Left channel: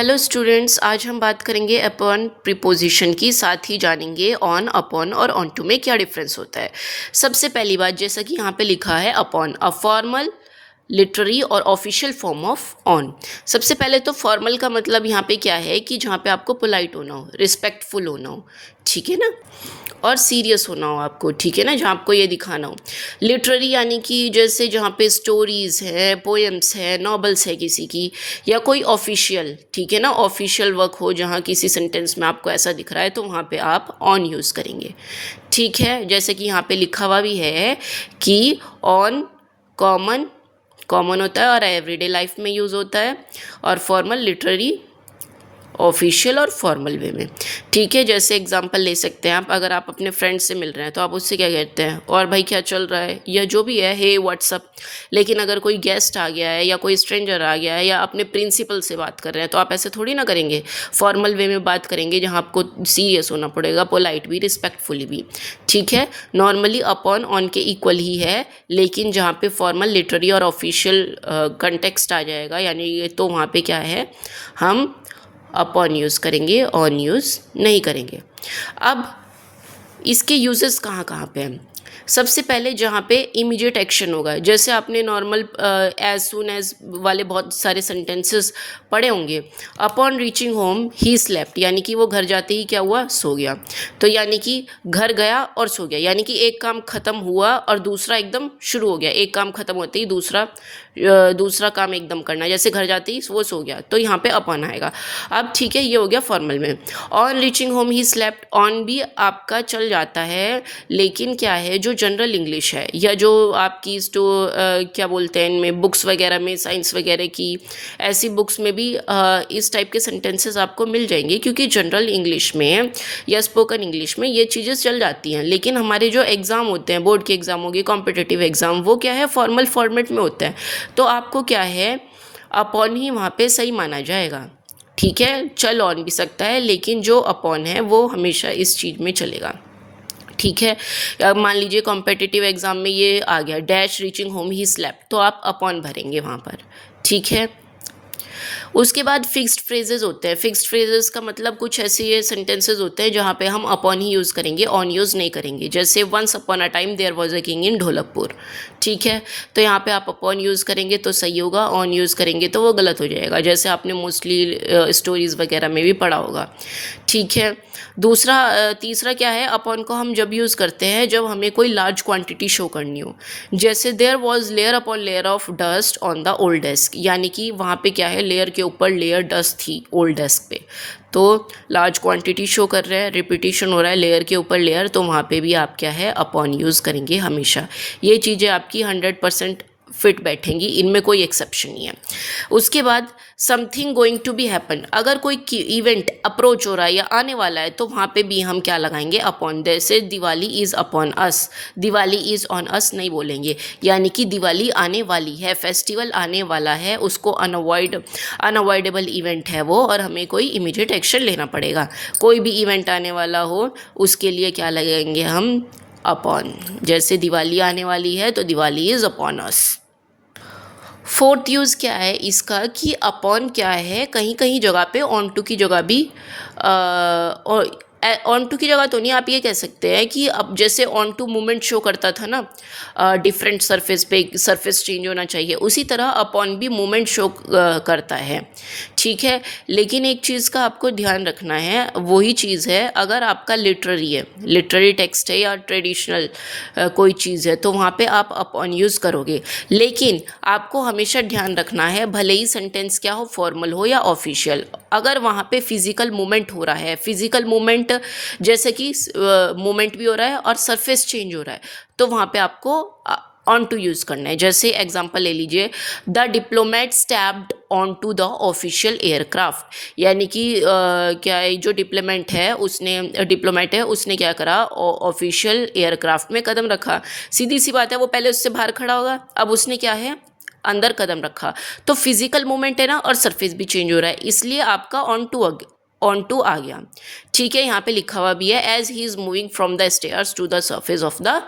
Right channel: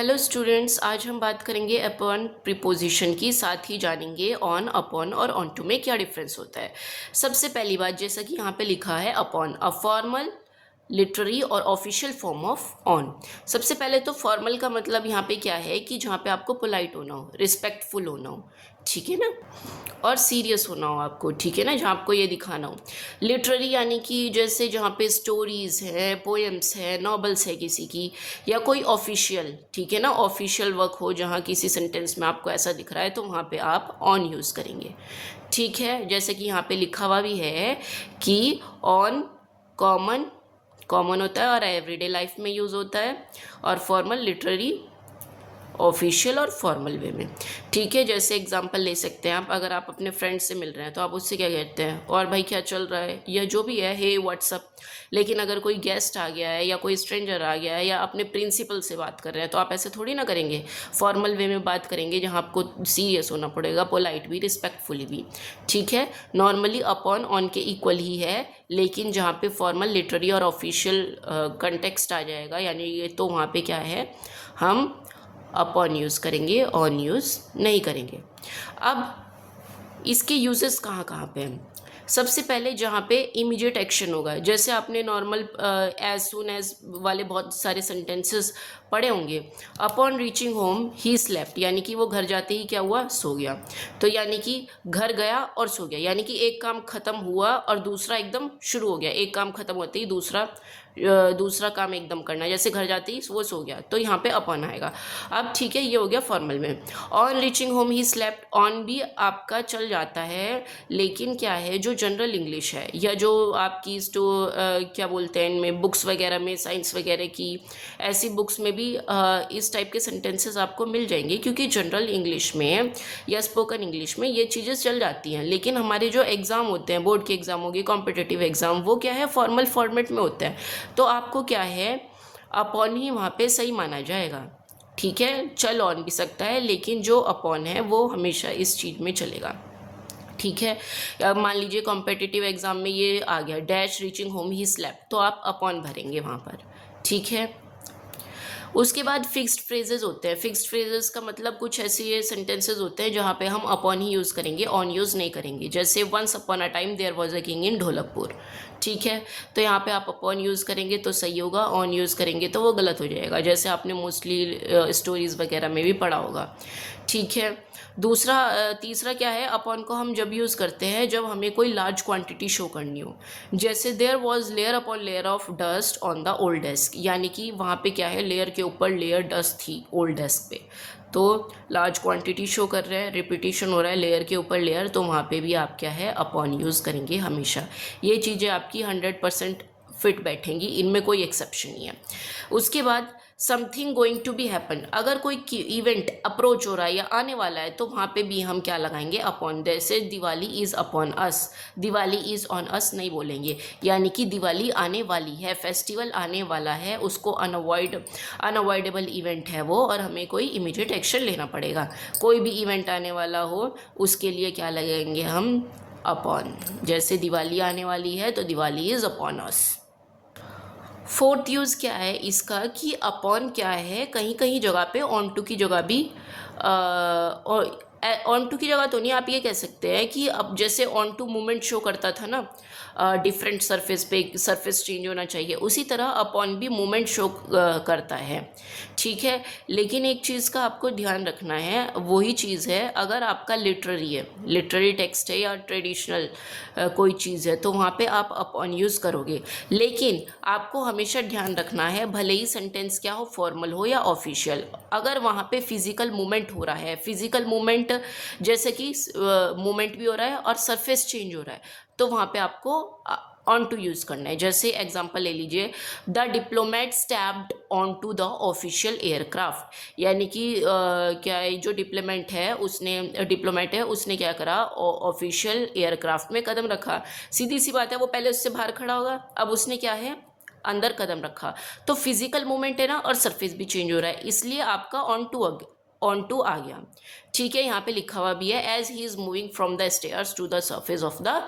Hello students, आज हम बात करेंगे अपॉन प्रीपोजिशन की, साथ ही जानेंगे ऑन, अपॉन और ऑन टू में क्या डिफरेंस होता है। सबसे पहली बात, जैसा कि यहाँ पे लिखा है अपॉन, अ फॉर्मल लिटरेरी और ऑफिशियल फॉर्म ऑफ ऑन। सबसे पहले तो फॉर्मल का मतलब यहाँ पे क्या है कि जहाँ पे आपको पोलाइट होना हो, रिस्पेक्टफुल होना हो, ठीक है ना, और सीरियस होना हो आपको, ठीक है ना, जहाँ आपको ये दिखाना हो। लिटरेरी यानी कि जैसे जहाँ पे स्टोरीज़ है, पोएम्स है, नॉवेल्स है किसी की, या कोई ऑफिशियल, ठीक है ना, ऑफिशियल वर्क हो जहाँ किसी सेंटेंस में आपको ऐसा दिख रहा है, तो वहाँ पे आप ऑन यूज़ करेंगे, ठीक है। जैसे कि यहाँ पे लिखा हुआ भी है कि ऑन कॉमन, कॉमन होता है और एवरीडे लाइफ में यूज़ होता है, और फॉर्मल लिटरेरी ऑफिशियल और फॉर्मल वे में, ठीक है। जैसे एग्जांपल ले सकते हैं आप, अगर आप अपने फ्रेंड से मिल रहे हैं तो आप उससे क्या कहते हैं, और भाई क्या चल रहा है, या जो भी है, हे व्हाट्सअप। लेकिन अगर कोई गेस्ट आ गया है या कोई स्ट्रेंजर आ गया है या अपने प्रिंसिपल से बात कर रहे हैं तो आप ऐसे थोड़ी ना करेंगे, फॉर्मल वे में बात करेंगे जहाँ आपको सीरियस होना पड़ेगा, पोलाइट भी, रिस्पेक्टफुली भी, ठीक है। नॉर्मली अपॉन ऑन के इक्वल ही है, लेकिन जहाँ पे फॉर्मल लिटरेरी और ऑफिशियल कंटेक्स्ट आ जाएगा, यानी ये तो वहाँ पे क्या है, हम अपॉन यूज़ करेंगे, ऑन यूज़ नहीं करेंगे। अब इसके यूजेस कहाँ कहाँ पे हैं। सबसे पहले जहाँ पे इमीडिएट एक्शन होगा, जैसे आपने नॉर्मल एज सून एज वाले बहुत सारे सेंटेंसेस पढ़े होंगे। Upon reaching home he slept, यानी कि वो घर जाते ही क्या हुआ, सो गया। तो यानी कि घर गया और सो गया, यानी कि एक काम खत्म हुआ और दूसरा एकदम शुरू हो गया, एक काम खत्म होते ही दूसरा काम एकदम करना, जैसे घर जाते ही वो सो गया, तो यहाँ पे अपॉन आएगा। अब ठीक है, ये हो गया फॉर्मल में। On reaching home he slept, on भी आपका चल जाता है, लेकिन क्या है, जो जनरल इंग्लिश है या जो आपकी क्या बोलते हैं इनमें, बुक्स वगैरह में, साइंस वगैरह की ऐसी बुक्स में भी इस टाइप के सेंटेंसेस आपको मिल जाएंगे, क्योंकि जनरल इंग्लिश में या स्पोकन इंग्लिश में ये चीज़ें चल जाती हैं। लेकिन हमारे जो एग्ज़ाम होते हैं, बोर्ड के एग्ज़ाम होगी, कॉम्पिटिटिव एग्ज़ाम, वो क्या है, फॉर्मल फॉर्मेट में होता है, तो आपको क्या है, अपॉन ही वहाँ पे सही माना जाएगा, ठीक है। चल ऑन भी सकता है, लेकिन जो अपॉन है वो हमेशा इस चीज़ में चलेगा, ठीक है। अब मान लीजिए कॉम्पिटिटिव एग्जाम में ये आ गया, dash reaching home he slept, तो आप अपॉन भरेंगे वहाँ पर, ठीक है। उसके बाद फिक्स्ड फ्रेजेस होते हैं। फिक्स्ड फ्रेजेस का मतलब कुछ ऐसे सेंटेंसेस होते हैं जहाँ पे हम अपॉन ही यूज़ करेंगे, ऑन यूज़ नहीं करेंगे। जैसे once upon a time there was a king in Dholakpur, ठीक है, तो यहाँ पे आप अपॉन यूज़ करेंगे तो सही होगा, ऑन यूज़ करेंगे तो वो गलत हो जाएगा, जैसे आपने मोस्टली स्टोरीज़ वगैरह में भी पढ़ा होगा, ठीक है। तीसरा क्या है, अपॉन को हम जब यूज़ करते हैं जब हमें कोई लार्ज क्वांटिटी शो करनी हो, जैसे there was layer upon layer of dust on the old desk, यानी कि वहाँ पे क्या है, लेयर के ऊपर लेयर डस्ट थी ओल्ड डेस्क पे, तो लार्ज क्वांटिटी शो कर रहा है, रिपीटिशन हो रहा है लेयर के ऊपर लेयर, तो वहाँ पे भी आप क्या है, अपॉन यूज़ करेंगे हमेशा। ये चीज़ें आपकी 100% फिट बैठेंगी, इनमें कोई एक्सेप्शन नहीं है। उसके बाद something going to be happen, अगर कोई इवेंट अप्रोच हो रहा है या आने वाला है, तो वहाँ पे भी हम क्या लगाएंगे, अपॉन। जैसे Diwali is upon us, Diwali is on us नहीं बोलेंगे, यानी कि दिवाली आने वाली है, फेस्टिवल आने वाला है, उसको अनअवॉइडेबल इवेंट है वो, और हमें कोई इमीडिएट एक्शन लेना पड़ेगा। कोई भी इवेंट आने वाला हो उसके लिए क्या लगाएंगे हम, अपॉन। जैसे दिवाली आने वाली है तो Diwali is upon us. Fourth use क्या है इसका, कि अपॉन क्या है, कहीं कहीं जगह पे ऑन टू की जगह भी और ऑन टू की जगह तो नहीं, आप ये कह सकते हैं कि अब जैसे ऑन टू मूवमेंट शो करता था ना, डिफरेंट सरफेस पे सरफेस चेंज होना चाहिए, उसी तरह अपॉन भी मूवमेंट शो करता है, ठीक है। लेकिन एक चीज़ का आपको ध्यान रखना है, वही चीज़ है, अगर आपका लिटरेरी है, लिटरेरी टेक्स्ट है या ट्रेडिशनल कोई चीज़ है, तो वहाँ पे आप अपॉन यूज़ करोगे। लेकिन आपको हमेशा ध्यान रखना है, भले ही सेंटेंस क्या हो, फॉर्मल हो या ऑफिशियल, अगर वहाँ पे फिजिकल मूवमेंट हो रहा है, फिजिकल मूवमेंट जैसे कि मूवमेंट भी हो रहा है और सरफेस चेंज हो रहा है, तो वहाँ पे आपको ऑन टू यूज़ करना है। जैसे एग्जांपल ले लीजिए, the diplomat stepped on to the official aircraft, यानी कि क्या है, जो डिप्लोमेट है उसने क्या करा, ऑफिशियल एयरक्राफ्ट में कदम रखा। सीधी सी बात है, वो पहले उससे बाहर खड़ा होगा, अब उसने क्या है, अंदर कदम रखा, तो फिजिकल मूवमेंट है ना, और सरफेस भी चेंज हो रहा है, इसलिए आपका ऑन टू आ गया, ठीक है। यहाँ पे लिखा हुआ भी है, as he is moving from the stairs to the surface of the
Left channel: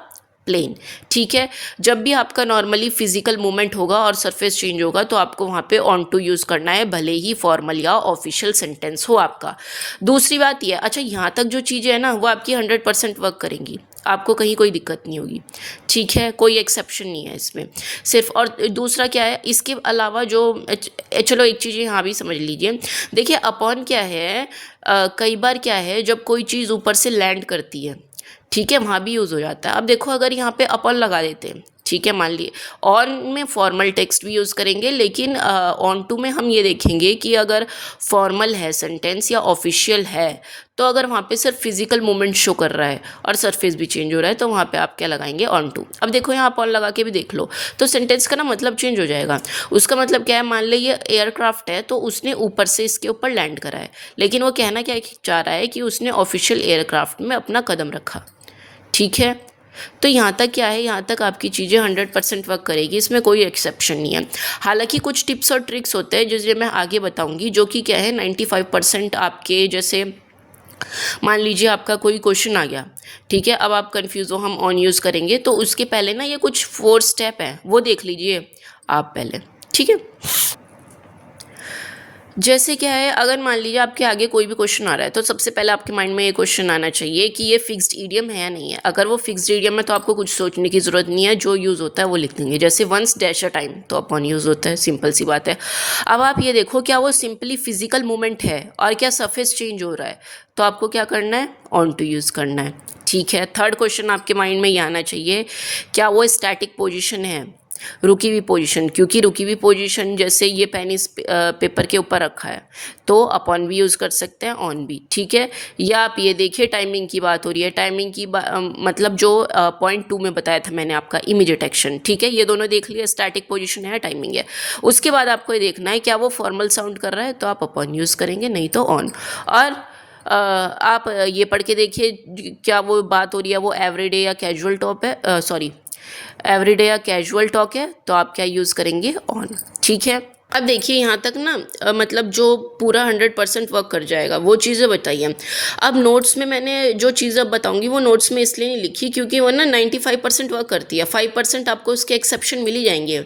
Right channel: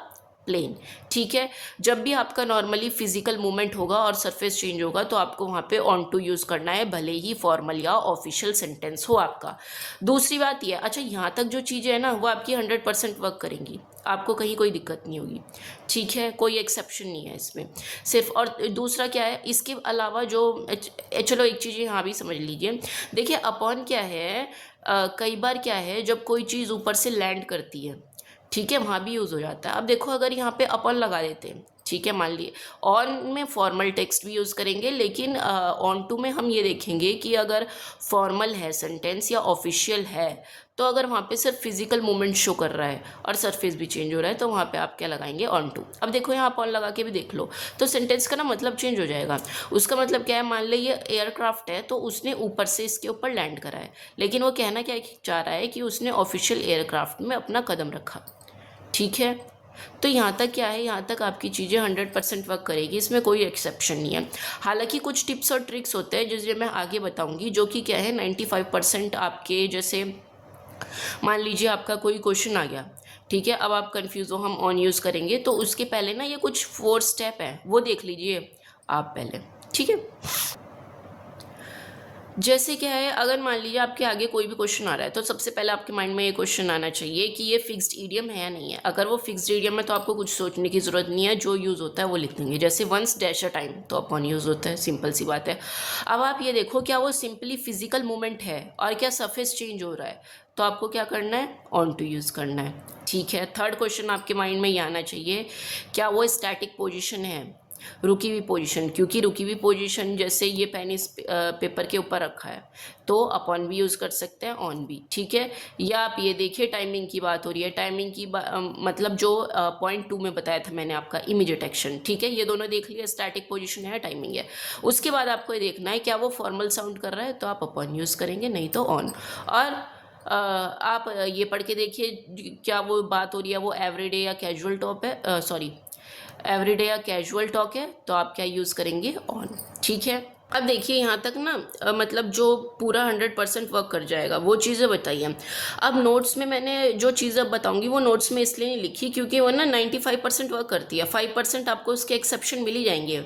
plane. ठीक है, जब भी आपका नॉर्मली फिजिकल मूवमेंट होगा और सरफेस चेंज होगा तो आपको वहाँ पे ऑन टू यूज़ करना है, भले ही फॉर्मल या ऑफिशियल सेंटेंस हो आपका। दूसरी बात यह, अच्छा यहाँ तक जो चीज़ें हैं ना वो आपकी 100% वर्क करेंगी, आपको कहीं कोई दिक्कत नहीं होगी। ठीक है, कोई एक्सेप्शन नहीं है इसमें सिर्फ। और दूसरा क्या है इसके अलावा जो चलो एक चीज़ यहाँ भी समझ लीजिए। देखिए अपॉन क्या है, कई बार क्या है जब कोई चीज़ ऊपर से लैंड करती है, ठीक है, वहाँ भी यूज़ हो जाता है। अब देखो अगर यहाँ पे अपन लगा देते हैं, ठीक है, मान लिए ऑन में फॉर्मल टेक्स्ट भी यूज़ करेंगे, लेकिन ऑन टू में हम ये देखेंगे कि अगर फॉर्मल है सेंटेंस या ऑफिशियल है, तो अगर वहाँ पे सिर्फ फिजिकल मूवमेंट शो कर रहा है और सरफेस भी चेंज हो रहा है तो वहाँ पे आप क्या लगाएंगे, ऑन टू। अब देखो यहाँ ऑन लगा के भी देख लो तो सेंटेंस का ना मतलब चेंज हो जाएगा। उसका मतलब क्या है, मान लो ये एयरक्राफ्ट है तो उसने ऊपर से इसके ऊपर लैंड करा है, लेकिन वो कहना क्या चाह रहा है कि उसने ऑफिशियल एयरक्राफ्ट में अपना कदम रखा। ठीक है, तो यहाँ तक क्या है, यहाँ तक आपकी चीज़ें 100% वर्क करेगी, इसमें कोई एक्सेप्शन नहीं है। हालांकि कुछ टिप्स और ट्रिक्स होते हैं जिसे मैं आगे बताऊंगी, जो कि क्या है 95% आपके, जैसे मान लीजिए आपका कोई क्वेश्चन आ गया, ठीक है, अब आप कंफ्यूज हो, हम ऑन यूज़ करेंगे तो उसके पहले ना ये कुछ 4 स्टेप है वो देख लीजिए आप पहले। ठीक है, जैसे क्या है, अगर मान लीजिए आपके आगे कोई भी क्वेश्चन आ रहा है तो सबसे पहले आपके माइंड में ये क्वेश्चन आना चाहिए कि ये फिक्स्ड ईडियम है या नहीं है। अगर वो फिक्स्ड ईडियम है तो आपको कुछ सोचने की ज़रूरत नहीं है, जो यूज़ होता है वो लिख देंगे। जैसे वंस डैश अ टाइम तो अपॉन यूज़ होता है, सिंपल सी बात है। अब आप ये देखो क्या वो सिंपली फिजिकल मूवमेंट है और क्या सरफेस चेंज हो रहा है, तो आपको क्या करना है, ऑन टू यूज़ करना है। ठीक है, थर्ड क्वेश्चन आपके माइंड में ये आना चाहिए, क्या वो स्टैटिक पोजिशन है, रुकी हुई पोजीशन, क्योंकि रुकी हुई पोजीशन जैसे ये पेन इस पेपर के ऊपर रखा है तो अपॉन भी यूज़ कर सकते हैं, ऑन भी। ठीक है, या आप ये देखिए टाइमिंग की बात हो रही है, टाइमिंग की मतलब जो पॉइंट 2 में बताया था मैंने आपका इमीडिएट एक्शन। ठीक है, ये दोनों देख लिया, स्टैटिक पोजीशन है, टाइमिंग है। उसके बाद आपको ये देखना है क्या वो फॉर्मल साउंड कर रहा है तो आप अपॉन यूज़ करेंगे, नहीं तो ऑन। और आप ये पढ़ के देखिए क्या वो बात हो रही है वो एवरीडे या कैजुअल टॉप है, सॉरी एवरीडे या कैजुअल टॉक है तो आप क्या यूज़ करेंगे, ऑन। ठीक है, अब देखिए यहाँ तक ना मतलब जो पूरा 100% वर्क कर जाएगा वो चीज़ें बताइए। अब नोट्स में मैंने जो चीज़ें अब बताऊंगी वो नोट्स में इसलिए नहीं लिखी क्योंकि वो ना 95% वर्क करती है, 5% आपको उसके एक्सेप्शन मिल ही जाएंगे।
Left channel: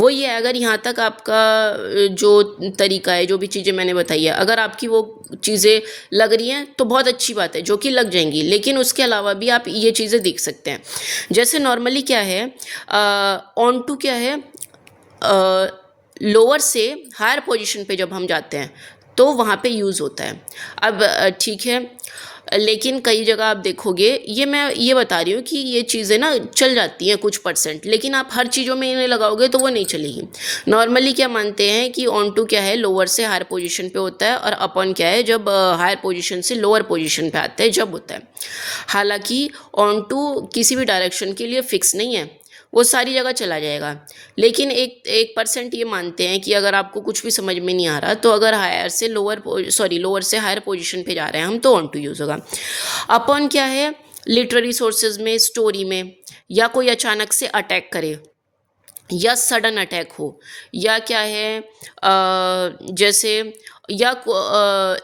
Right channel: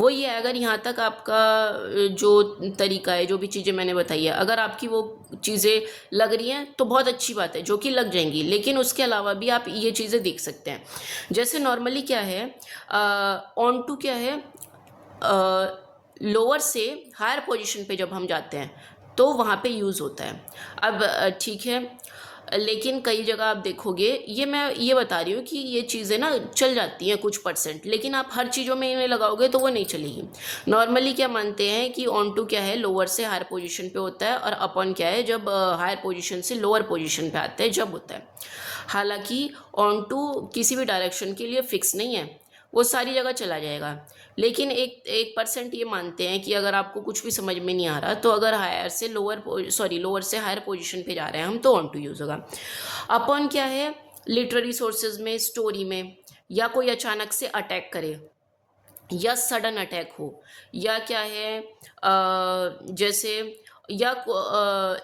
वो ये है, अगर यहाँ तक आपका जो तरीका है, जो भी चीज़ें मैंने बताई है, अगर आपकी वो चीज़ें लग रही हैं तो बहुत अच्छी बात है, जो कि लग जाएंगी, लेकिन उसके अलावा भी आप ये चीज़ें देख सकते हैं। जैसे नॉर्मली क्या है, ऑन टू क्या है, लोअर से हायर पोजीशन पे जब हम जाते हैं तो वहाँ पे यूज़ होता है। अब ठीक है, लेकिन कई जगह आप देखोगे, ये मैं ये बता रही हूँ कि ये चीज़ें ना चल जाती हैं कुछ परसेंट, लेकिन आप हर चीज़ों में इन्हें लगाओगे तो वो नहीं चलेगी। नॉर्मली क्या मानते हैं कि ऑन टू क्या है, लोअर से हायर पोजीशन पे होता है, और अपॉन क्या है, जब हायर पोजीशन से लोअर पोजीशन पे आते हैं जब होता है। हालांकि ऑन टू किसी भी डायरेक्शन के लिए फिक्स नहीं है, वो सारी जगह चला जाएगा, लेकिन 1% ये मानते हैं कि अगर आपको कुछ भी समझ में नहीं आ रहा तो अगर लोअर से हायर पोजीशन पे जा रहे हैं हम तो ऑन टू यूज़ होगा। अपॉन क्या है, लिटरेरी सोर्सेज में, स्टोरी में, या कोई अचानक से अटैक करे या सडन अटैक हो, या क्या है जैसे, या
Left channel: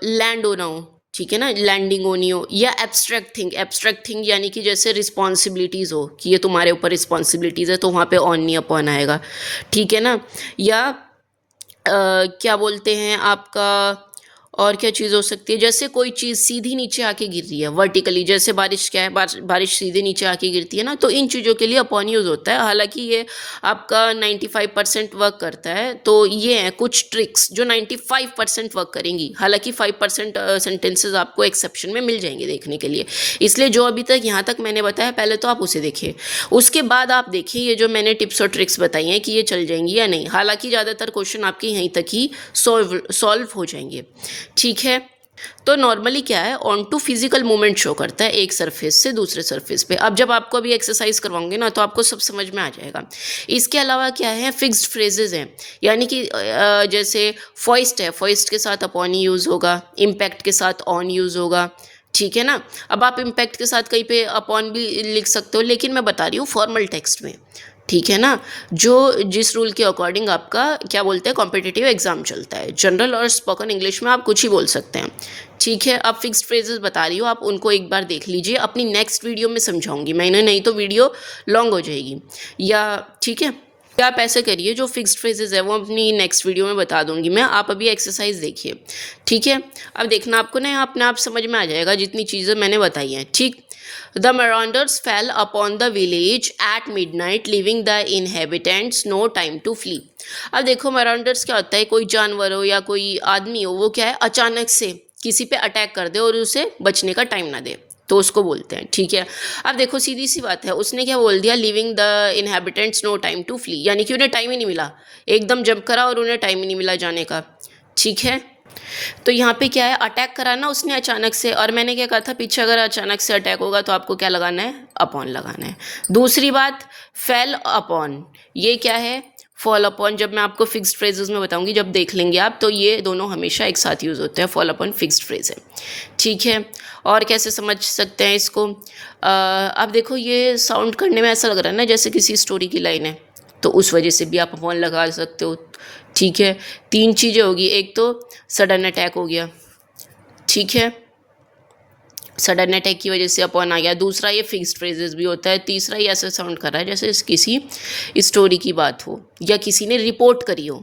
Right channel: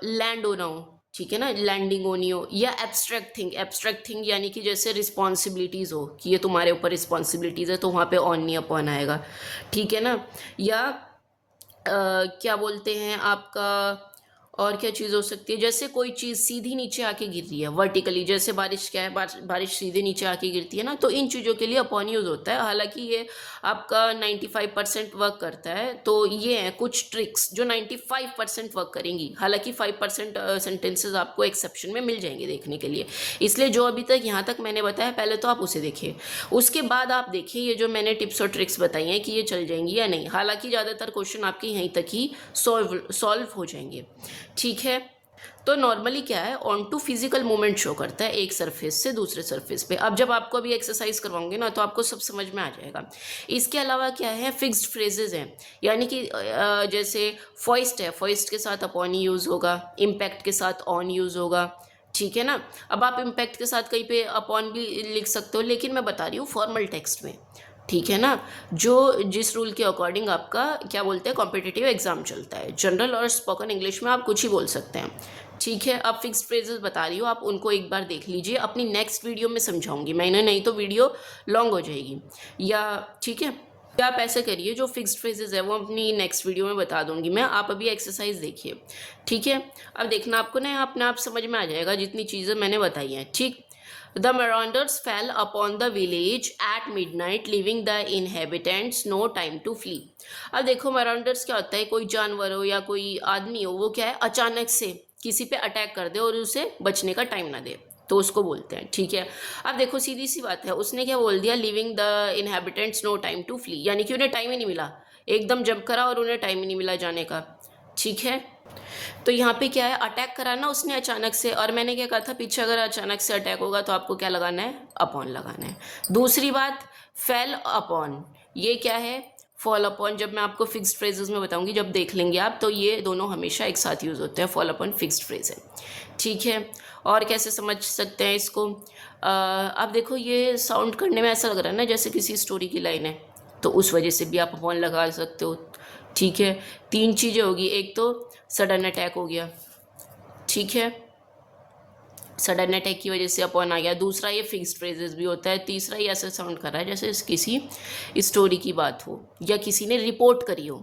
लैंड होना हो, ठीक है ना, लैंडिंग होनी हो, या एब्स्ट्रैक्ट थिंग यानी कि जैसे रिस्पॉन्सिबिलिटीज़ हो कि ये तुम्हारे ऊपर रिस्पॉन्सिबिलिटीज़ है तो वहाँ पे ऑन नहीं अपॉन आएगा। ठीक है ना, या क्या बोलते हैं आपका, और क्या चीज़ हो सकती है, जैसे कोई चीज़ सीधी नीचे आके गिर रही है वर्टिकली, जैसे बारिश क्या है, बारिश सीधे नीचे आके गिरती है ना, तो इन चीज़ों के लिए अपॉन यूज़ होता है। हालांकि ये आपका 95% वर्क करता है, तो ये हैं कुछ ट्रिक्स जो 95% वर्क करेंगी। हालांकि 5% सेंटेंसेस आपको एक्सेप्शन में मिल जाएंगे देखने के लिए, इसलिए जो अभी तक यहाँ तक मैंने बताया पहले तो आप उसे देखिए, उसके बाद आप देखिए ये जो मैंने टिप्स और ट्रिक्स बताई हैं कि ये चल जाएंगी या नहीं। हालांकि ज़्यादातर क्वेश्चन आपके यहीं तक ही सॉल्व हो जाएंगे। ठीक है, तो नॉर्मली क्या है, on to physical movement show करता है एक सरफेस से दूसरे सरफेस पे। अब जब आपको अभी एक्सरसाइज करवाऊंगे ना तो आपको सब समझ में आ जाएगा। इसके अलावा क्या है, फिक्स्ड फ्रेजेस हैं, यानी कि जैसे फॉइस्ट है, फॉइस्ट के साथ अपॉन ही यूज़ होगा, इम्पैक्ट के साथ ऑन यूज़ होगा। ठीक है ना, अब आप इम्पैक्ट के साथ कहीं पे अपॉन भी लिख सकते हो, लेकिन मैं बता रही हूँ फॉर्मल टेक्स्ट में। ठीक है ना, जो जिस रूल के अकॉर्डिंग आपका क्या बोलते हैं कॉम्पिटिटिव एग्जाम चलता है। जनरल और स्पोकन इंग्लिश में आप कुछ ही बोल सकते हैं। ठीक है, अब फिक्स्ड फ्रेजेस बता रही हूँ, आप उनको एक बार देख लीजिए, अपनी नेक्स्ट वीडियो में समझाऊंगी मैंने, नहीं तो वीडियो लॉन्ग हो जाएगी या ठीक है। या आप ऐसे करिए, जो फिक्स्ड फ्रेजेस है वो अपनी नेक्स्ट वीडियो में बता दूंगी मैं, आप अभी एक्सरसाइज देखिए। ठीक है, अब देखना आपको ना यहाँ अपने आप समझ में आ जाएगा जितनी चीज़ें मैंने बताई हैं। ठीक, the marauders fell upon the village at midnight, leaving the inhabitants no time to flee। अब देखो marauders क्या होता है, कोई जानवर हो या कोई आदमी हो, वो क्या है अचानक से किसी पे अटैक कर दे और उसे बचने का टाइम ना दे, तो उसको बोलते हैं। ठीक है, अब देखो सीधी सी बात है, उसने क्या बोल दिया, leaving the inhabitants no time to flee, यानी कि उन्हें टाइम ही नहीं मिला, एकदम जंप करा और उन्हें टाइम ही नहीं मिला जाने का। ठीक है, तो यहाँ पे क्या है, अटैक करा ना उसने अचानक से, और मैंने क्या कहा था पीछे, अगर अचानक से अटैक होगा तो आपको क्या लगाना है, अपॉन लगाना है। दूसरी बात, फेल अपॉन, ये क्या है, फॉल अपॉन। जब मैं आपको फिक्स्ड फ्रेजेस में बताऊंगी, जब देख लेंगे आप, तो ये दोनों हमेशा एक साथ यूज़ होते हैं, फॉल अपॉन फिक्स्ड फ्रेज है। ठीक है, और कैसे समझ सकते हैं इसको, अब देखो ये साउंड करने में ऐसा लग रहा है ना जैसे किसी स्टोरी की लाइन है, तो उस वजह से भी आप अपॉन लगा सकते हो। ठीक है, तीन चीज़ें होगी, एक तो सडन अटैक हो गया, ठीक है, सडन अटैक की वजह से अपॉन आ गया। दूसरा ये फिक्स्ड फ्रेजेस भी होता है। तीसरा ये ऐसा साउंड कर रहा है जैसे किसी स्टोरी की बात हो या किसी ने रिपोर्ट करी हो।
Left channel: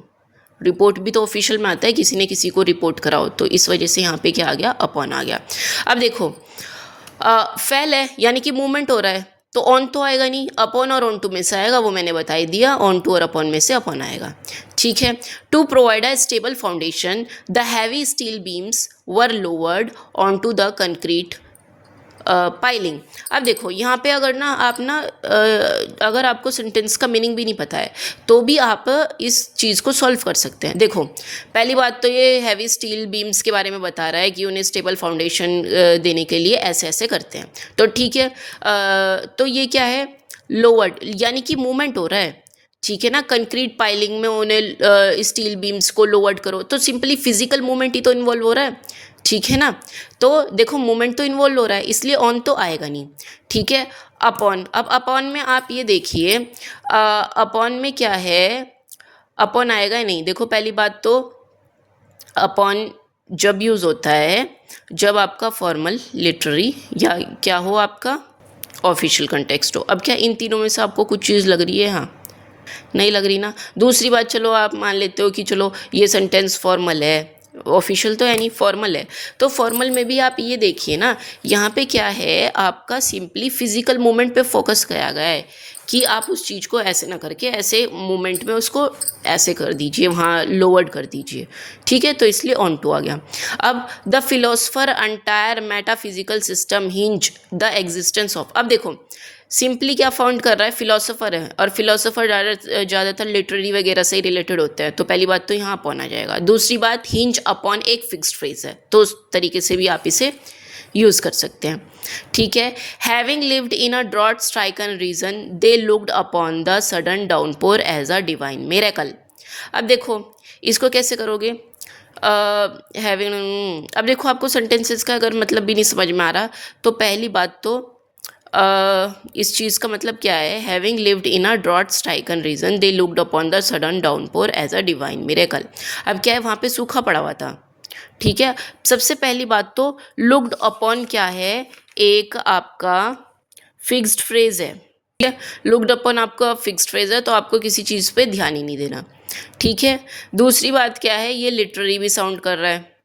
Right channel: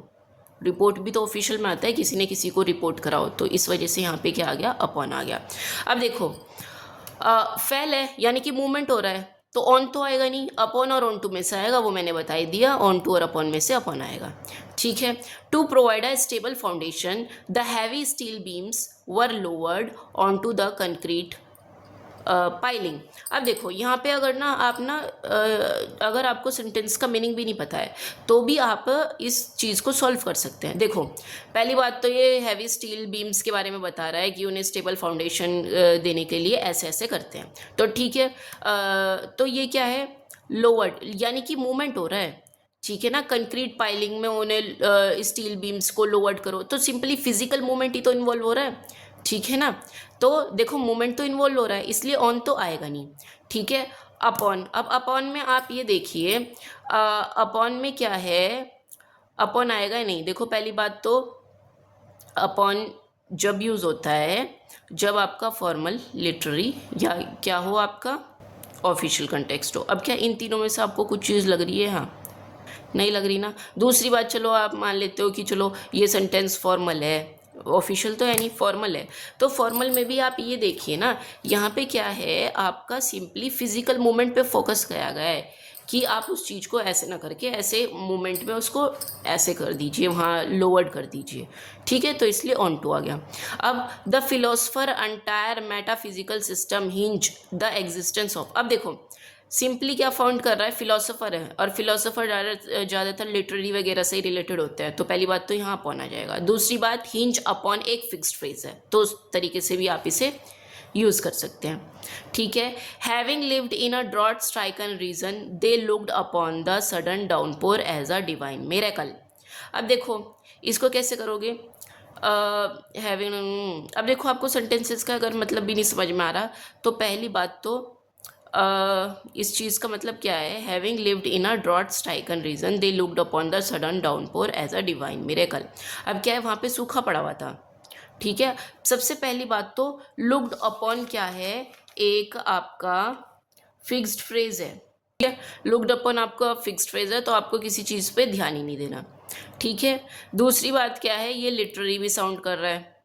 रिपोर्ट भी तो ऑफिशियल में आता है, किसी ने किसी को रिपोर्ट करा हो, तो इस वजह से यहाँ पे क्या आ गया, अपॉन आ गया। अब देखो फेल है यानी कि मूवमेंट हो रहा है, तो ऑन तो आएगा नहीं, अपॉन और ऑन टू में से आएगा, वो मैंने बता ही दिया, ऑन टू और अपॉन में से अपॉन आएगा। ठीक है, to provide a stable foundation the heavy steel beams were lowered on to the concrete piling. अब देखो यहाँ पे अगर ना आप ना अगर आपको सेंटेंस का मीनिंग भी नहीं पता है तो भी आप इस चीज़ को सॉल्व कर सकते हैं। देखो पहली बात तो ये हैवी स्टील बीम्स के बारे में बता रहा है कि उन्हें स्टेबल फाउंडेशन देने के लिए ऐसे ऐसे करते हैं, तो ठीक है, तो ये क्या है, लोवर्ड यानी कि मूवमेंट हो रहा है। ठीक है ना, कंक्रीट पाइलिंग में उन्हें स्टील बीम्स को लोवर्ड करो, तो सिंपली फिजिकल मूवमेंट ही तो इन्वॉल्व हो रहा है। ठीक है ना, तो देखो मूवमेंट तो इन्वॉल्व हो रहा है, इसलिए ऑन तो आएगा नहीं। ठीक है, अपॉन, अब अपॉन में आप ये देखिए, अपॉन में क्या है, अपॉन आएगा ही नहीं। देखो पहली बात तो अपॉन जब यूज़ होता है जब आपका फॉर्मल, लिटरेरी या क्या हो, आपका ऑफिशियल कंटेक्स्ट हो। अब क्या इन तीनों में से आपको कुछ चीज़ लग रही है, हाँ नहीं लग रही ना। दूसरी बात, चलो आप मान लेते हो कि चलो ये सेंटेंस फॉर्मल है, ऑफिशियल तो है नहीं, फॉर्मल है, तो फॉर्मल में भी आप ये देखिए ना, यहाँ पे क्या है, आपका सिंपली फिजिकल मूवमेंट पे फोकस किया गया है कि आप उस चीज़ को ऐसे ना करके ऐसे मूवमेंट में उसको ऐसे कर दीजिए, वहाँ लोवर्ड कर दीजिए। ठीक है, तो इसलिए ऑन टू आ गया। अब the philosopher entire metaphysical system hinge the existence of, अब देखो सिंपली क्या फाउंड कर रहा है, फिलोसोफर है, और फिलोसोफर ज़्यादातर लिटरेरी वगैरह से ही रिलेटेड होते हैं, तो पहली बात तो यहाँ अपॉन आ जाएगा। दूसरी बात, हिंज अपॉन एक फिक्स्ड फ्रेज है, तो उस तरीके से भी आप इसे यूज़ कर सकते हैं। ठीक है, having lived in a drought stricken region they looked upon the sudden downpour as a divine miracle. अब देखो इसको कैसे करोगे, हैविंग, अब देखो आपको सेंटेंसेस का अगर मतलब भी नहीं समझ में आ रहा, तो पहली बात तो इस चीज़ का मतलब क्या है, having lived in a drought stricken region they looked upon the sudden downpour as a divine miracle. अब क्या है, वहाँ पे सूखा पड़ा हुआ था। ठीक है, सबसे पहली बात तो लुक्ड अपॉन क्या है, एक आपका फिक्स्ड फ्रेज है। ठीक है, लुक्ड अपॉन आपका फिक्स्ड फ्रेज है, तो आपको किसी चीज़ पे ध्यान ही नहीं देना। ठीक है, दूसरी बात क्या है, ये लिटरेरी भी साउंड कर रहा है।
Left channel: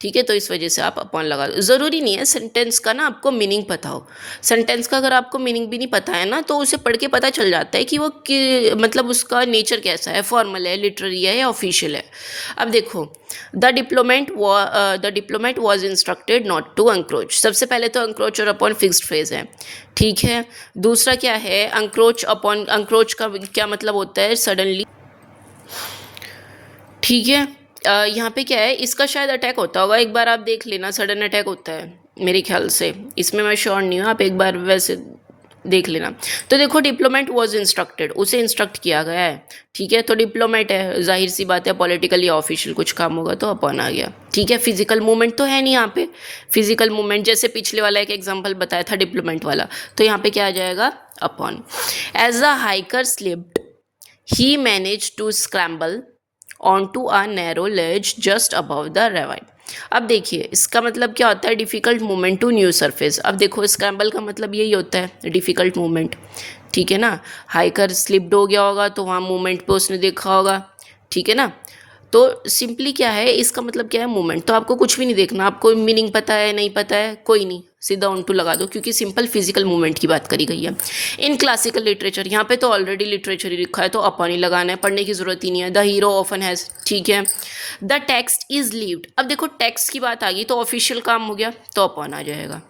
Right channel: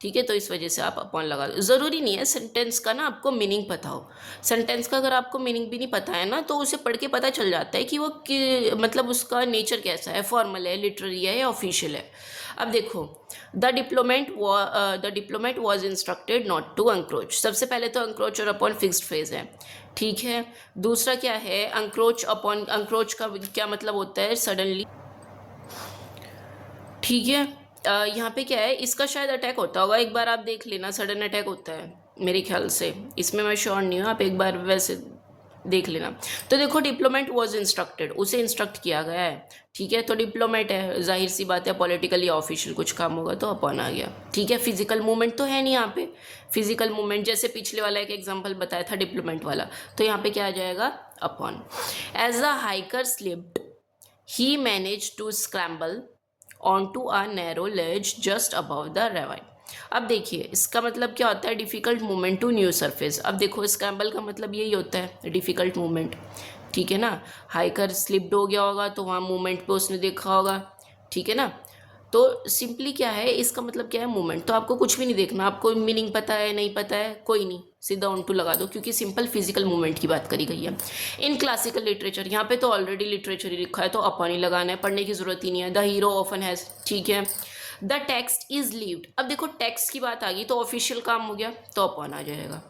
ठीक है, तो इस वजह से आप अपॉन लगा दो। ज़रूरी नहीं है सेंटेंस का ना आपको मीनिंग पता हो, सेंटेंस का अगर आपको मीनिंग भी नहीं पता है ना, तो उसे पढ़ के पता चल जाता है कि वो मतलब उसका नेचर कैसा है, फॉर्मल है, लिटरेरी है या ऑफिशियल है। अब देखो, the diplomat was instructed not to encroach, सबसे पहले तो अंक्रोच और अपॉन फिक्स्ड फ्रेज है। ठीक है, दूसरा क्या है, अंक्रोच अपॉन, अंक्रोच का क्या मतलब होता है, सडनली। ठीक है, यहाँ पे क्या है, इसका शायद अटैक होता होगा, एक बार आप देख लेना, सडन अटैक होता है मेरे ख्याल से, इसमें मैं श्योर नहीं हूँ, आप एक बार वैसे देख लेना। तो देखो डिप्लोमेट वॉज इंस्ट्रक्टेड, उसे इंस्ट्रक्ट किया गया है, ठीक है। तो डिप्लोमेट है, जाहिर सी बात है पॉलिटिकल या ऑफिशियल कुछ काम होगा तो अपॉन आ गया, ठीक है। फिजिकल मूवमेंट तो है नहीं यहाँ पे, फिजिकल मूवमेंट जैसे पिछले वाला एक एग्जाम्पल बताया था डिप्लोमेट वाला, तो यहाँ पे क्या आ जाएगा upon. As the hiker slipped he manage to scramble on to a narrow ledge just above the ravine. अब देखिए इसका मतलब क्या होता है, difficult movement to new surface. अब देखो स्क्रैम्बल का मतलब यही होता है डिफ़िकल्ट मूवमेंट, ठीक है ना। हाइकर स्लिप्ड हो गया होगा तो वहाँ मूवमेंट पे उसने देखा होगा, ठीक है ना। तो सिंपली क्या है, इसका मतलब क्या है मूवमेंट। तो आपको कुछ भी नहीं देखना, आपको मीनिंग पता है नहीं पता है कोई नहीं, सीधा ऑन टू लगा दो, क्योंकि सिंपल फिजिकल मूवमेंट की बात करी गई है। इन क्लासिकल लिटरेचर, यहाँ पे तो ऑलरेडी लिटरेचर ही लिखा है तो अपन ही लगाना है, पढ़ने की जरूरत ही नहीं है। द हीरो ऑफन हैज़, ठीक है। द टेक्स्ट इज लीव्ड, अब देखो टेक्स्ट की बात आ गई तो ऑफिशियल काम हो गया तो अपन आ जाएगा,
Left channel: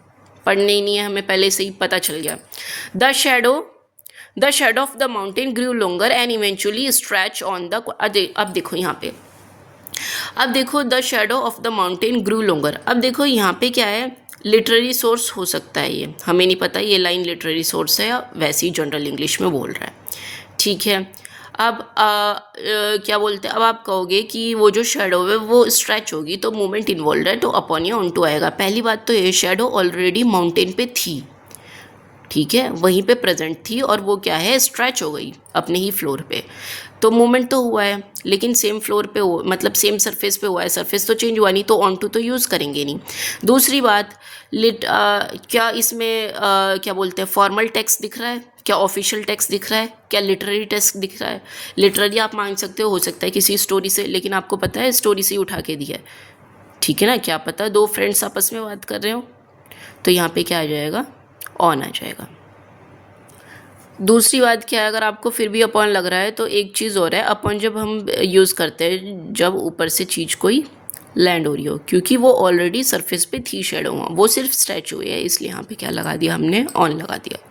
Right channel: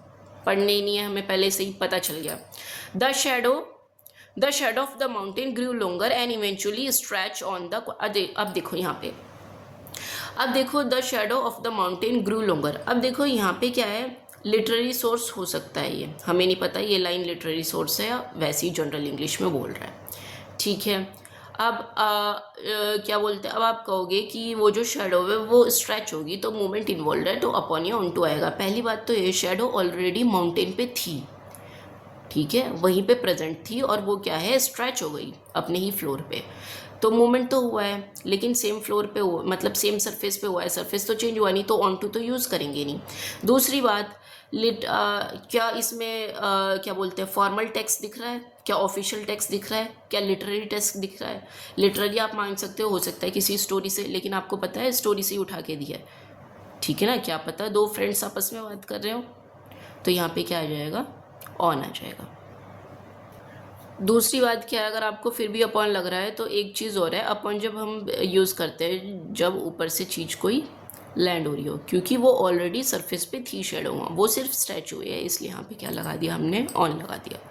पढ़ने ही नहीं है हमें, पहले से ही पता चल गया। The shadow, the shadow of the mountain grew longer and eventually stretch on the, अब देखो यहाँ पे, अब देखो the shadow of the mountain grew longer. अब देखो यहाँ पे क्या है, लिटरेरी सोर्स हो सकता है, ये हमें नहीं पता ये लाइन लिटरेरी सोर्स है या वैसे ही जनरल इंग्लिश में बोल रहा है, ठीक है। अब क्या बोलते हैं, अब आप कहोगे कि वो जो शेडो है वो स्ट्रेच होगी तो मूवमेंट इन्वॉल्व है तो अपॉन या ऑन टू आएगा। पहली बात तो ये शेडो ऑलरेडी माउंटेन पे थी, ठीक है, वहीं पे प्रेजेंट थी और वो क्या है स्ट्रेच हो गई अपने ही फ्लोर पे, तो मूवमेंट तो हुआ है लेकिन सेम फ्लोर पे हो, मतलब सेम सरफेस पे हुआ है, सरफेस तो चेंज हुआ नहीं तो ऑन टू तो यूज़ करेंगे नहीं। दूसरी बात क्या इसमें क्या बोलते हैं फॉर्मल टेक्स्ट दिख रहा है, क्या ऑफिशियल टेक्स्ट दिख रहा है, क्या लिटरेरी टेक्स्ट दिख रहा है। लिटरेरी आप मान सकते हो सकता है किसी स्टोरी से, लेकिन आपको पता है स्टोरी से ही उठा के दिया है, ठीक है ना। क्या पता दो फ्रेंड्स आपस में बात कर रहे हो, तो यहाँ पे क्या आ जाएगा ऑन आ जाएगा। दूसरी बात क्या है, अगर आपको फिर भी अपॉन लग रहा है तो एक चीज़ और है, अपॉन जब हम यूज़ करते हैं जब ऊपर से चीज़ कोई लैंड हो रही हो, क्योंकि वो ऑलरेडी सरफेस पे थी शेडो, वो सिर्फ स्टैचू है इसलिए यहाँ पे क्या लगा दिया हमने ऑन लगा दिया।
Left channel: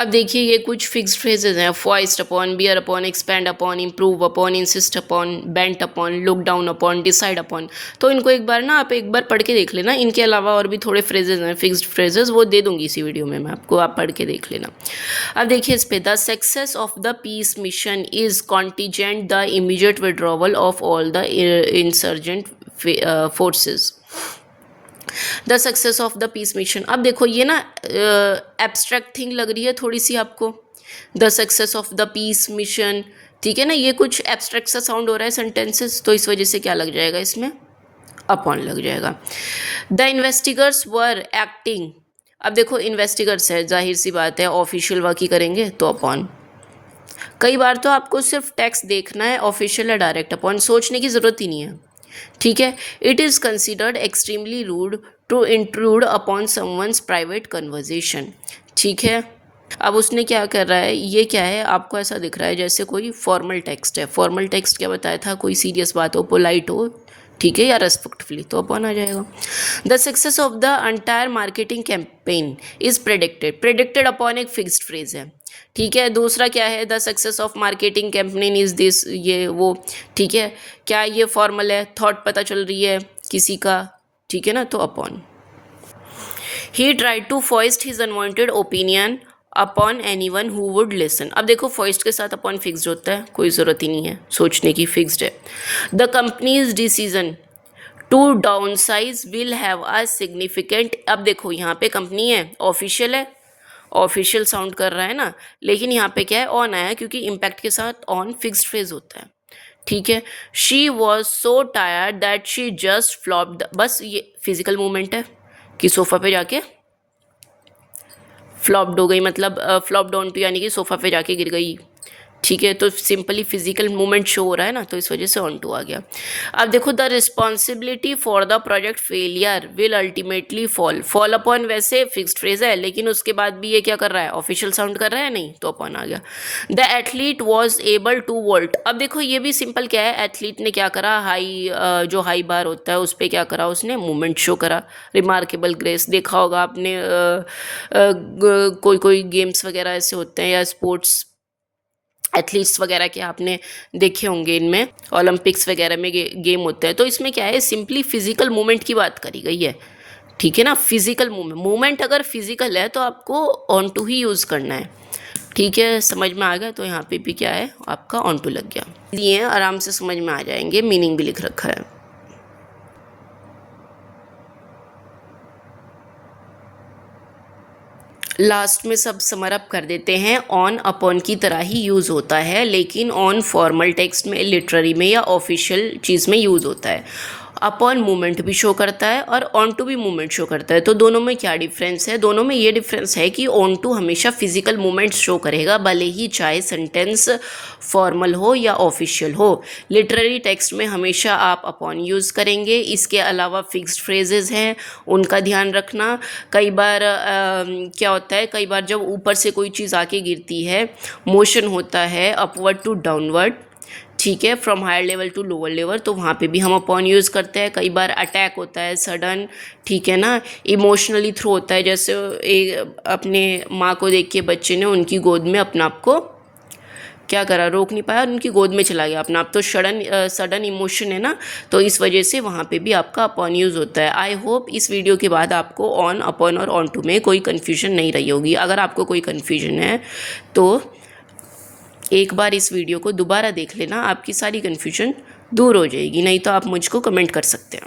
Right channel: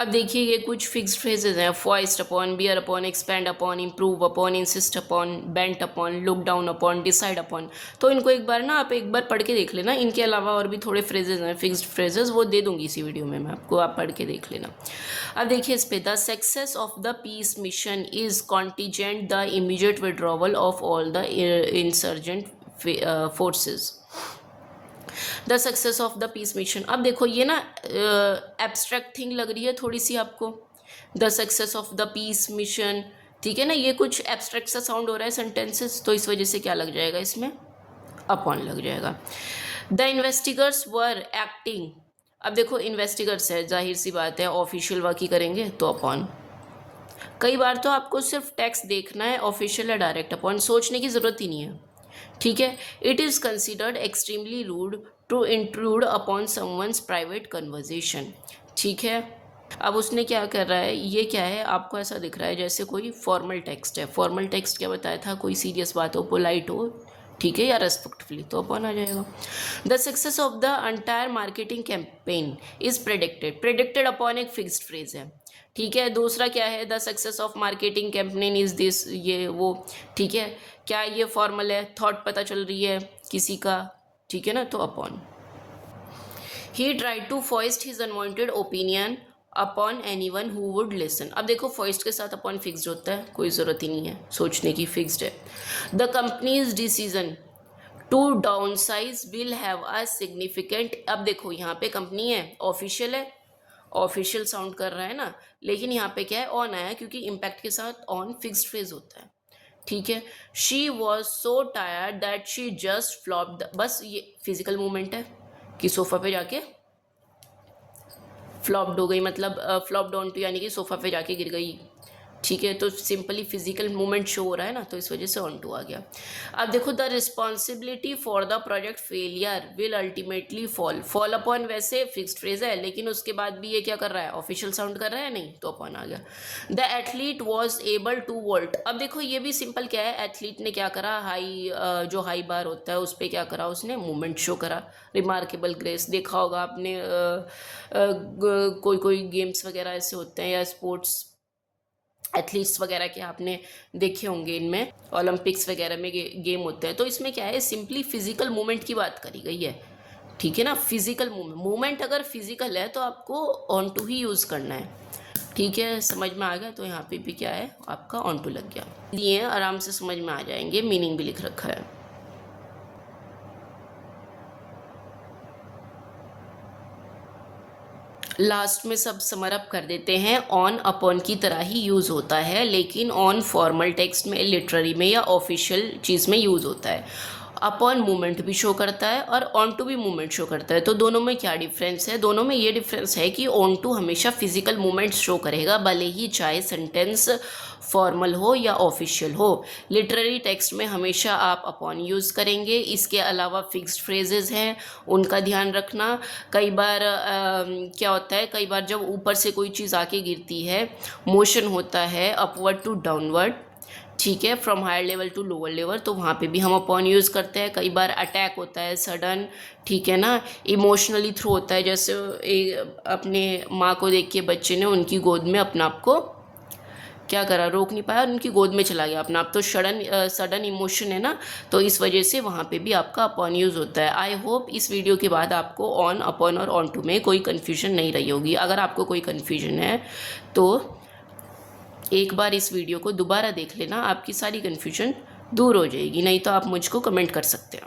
अब देखिए ये कुछ फिक्स्ड फ्रेजेज हैं, foist upon, bear upon, expand upon, improve upon, insist upon, bent upon, look down upon, decide upon. तो इनको एक बार ना आप एक बार पढ़ के देख लेना, इनके अलावा और भी थोड़े फ्रेजेज हैं फिक्स्ड फ्रेजेस, वो दे दूंगी इसी वीडियो में मैं आपको, आप पढ़ के देख लेना। अब देखिए इस पे, the success of the peace mission is contingent the immediate withdrawal of all the insurgent forces, the success of the peace mission. अब देखो ये ना एब्स्ट्रैक्ट थिंग लग रही है थोड़ी सी आपको, the success of the peace mission, ठीक है ना, ये कुछ एब्स्ट्रैक्ट सा साउंड हो रहा है सेंटेंसेस, तो इस वजह से क्या लग जाएगा इसमें अपॉन लग जाएगा। द इन्वेस्टिगर्स वर एक्टिंग, अब देखो इन्वेस्टिगर्स है, जाहिर सी बात है ऑफिशियल वर्क ही करेंगे तो अपॉन। कई बार तो आपको सिर्फ टेक्स्ट देखना है ऑफिशियल या डायरेक्ट अपॉन, सोचने की ज़रूरत ही नहीं है, ठीक है। It is considered extremely rude to intrude upon someone's private conversation, ठीक है। अब उसने क्या कर रहा है, ये क्या है आपको ऐसा दिख रहा है जैसे कोई फॉर्मल टेक्स्ट है, फॉर्मल टेक्स्ट क्या बताया था, कोई सीरियस बात हो, पोलाइट हो, ठीक है, या रेस्पेक्टफुली, तो अपॉन आ जाएगा। The success of the entire marketing campaign is predicted, predicted upon एक फिक्स्ड फ्रेज है, ठीक है। दूसरा क्या है, the success of marketing campaign is this, ये वो, ठीक है। क्या ये फॉर्मल है, थॉट पता चल रही है किसी का, ठीक है ना, तो upon. He tried to foist his unwanted opinion upon anyone who would listen. अब देखो फॉइस्ट के साथ अपॉन फिक्स्ड होता है, कोई ज़रूरत ही नहीं है सोचने की, फिक्स्ड है। The company's decision to downsize will have a significant, अब देखो यहाँ पे कंपनी है, ऑफिशियल है, ऑफिशियल साउंड कर रहा है ना, लेकिन यहाँ पे क्या है ऑन आया क्योंकि इम्पैक्ट के साथ ऑन फिक्स्ड फ्रेज होता है, ठीक है। She was so tired that she just flopped, बस ये फिजिकल मूवमेंट है कि सोफा पे जाके फ्लॉप्ड हो गई, मतलब फ्लॉप्ड ऑन टू यानी कि सोफा पे जाके गिर गई, ठीक है। तो सिंपली फिजिकल मूवमेंट शो हो रहा है ना, तो इस वजह से ऑन टू आ गया। अब देखो the responsibility for the project failure will ultimately fall, fall upon वैसे फिक्स्ड फ्रेज है लेकिन उसके बाद भी ये क्या कर रहा है ऑफिशियल साउंड कर रहा है, नहीं तो अपॉन आ गया। The athlete was able to vault, अब देखो ये भी सिंपल क्या है, एथलीट ने क्या करा, हाई जो हाई बार होता है उस पर क्या करा उसने मूवमेंट शो करा, रिमार्केबल ग्रेस, देखा होगा आपने कोई कोई गेम्स वगैरह ऐसे होते हैं या स्पोर्ट्स एथलीट्स वगैरह के आपने देखे होंगे, इनमें ओलंपिक्स वगैरह में गेम होते हैं, तो इसमें क्या है सिंपली फिजिकल मूवमेंट की बात करी गई है, ठीक है ना। फिजिकल मूवमेंट अगर फिजिकल है तो आपको ऑन टू ही यूज़ करना है। ठीक है, समझ में आ गया। तो यहाँ पे भी क्या है, आपका ऑन टू लग गया। ये आराम से समझ में आ जाएंगे, मीनिंग भी लिख रखा है। लास्ट में सब समर अप कर देते हैं। ऑन अपॉन की तरह ही यूज़ होता है, लेकिन ऑन फॉर्मल टेक्स्ट में, लिटरेरी में या ऑफिशियल चीज़ में यूज़ होता है। अपॉन मूवमेंट भी शो करता है और ऑन टू भी मूवमेंट शो करता है। तो दोनों में क्या डिफरेंस है? दोनों में ये डिफरेंस है कि ऑन टू हमेशा फिजिकल मूवमेंट शो करेगा, भले ही चाहे सेंटेंस फॉर्मल हो या ऑफिशियल हो। लिटरेरी टेक्स्ट में हमेशा आप अपॉन यूज़ करेंगे। इसके अलावा फिक्स्ड फ्रेजेस हैं, उनका ध्यान रखना। कई बार क्या होता है, कई बार जब ऊपर से कोई चीज़ आके गिरती है, मोशन होता है अपवर्ड टू डाउनवर्ड, ठीक है, from higher level to lower level, तो वहाँ पे भी हम अपॉन यूज़ करते हैं। कई बार अटैक होता है सडन, ठीक है ना। इमोशनली थ्रो होता है, जैसे अपने माँ को देख के बच्चे ने उनकी गोद में अपना आप को क्या करा, रोक नहीं पाया और उनकी गोद में चला गया अपना आप, तो सडन इमोशन है ना, तो इस वजह से वहाँ पे भी आपका अपॉन यूज़ होता है। आई होप इस वीडियो के बाद आपको ऑन, अपॉन और ऑन टू में कोई कन्फ्यूजन नहीं रही होगी। अगर आपको कोई कन्फ्यूजन है तो एक बार इस वीडियो को दोबारा देख लेना, आपकी सारी कन्फ्यूजन दूर हो जाएगी। नहीं तो आप मुझको कमेंट कर सकते हैं।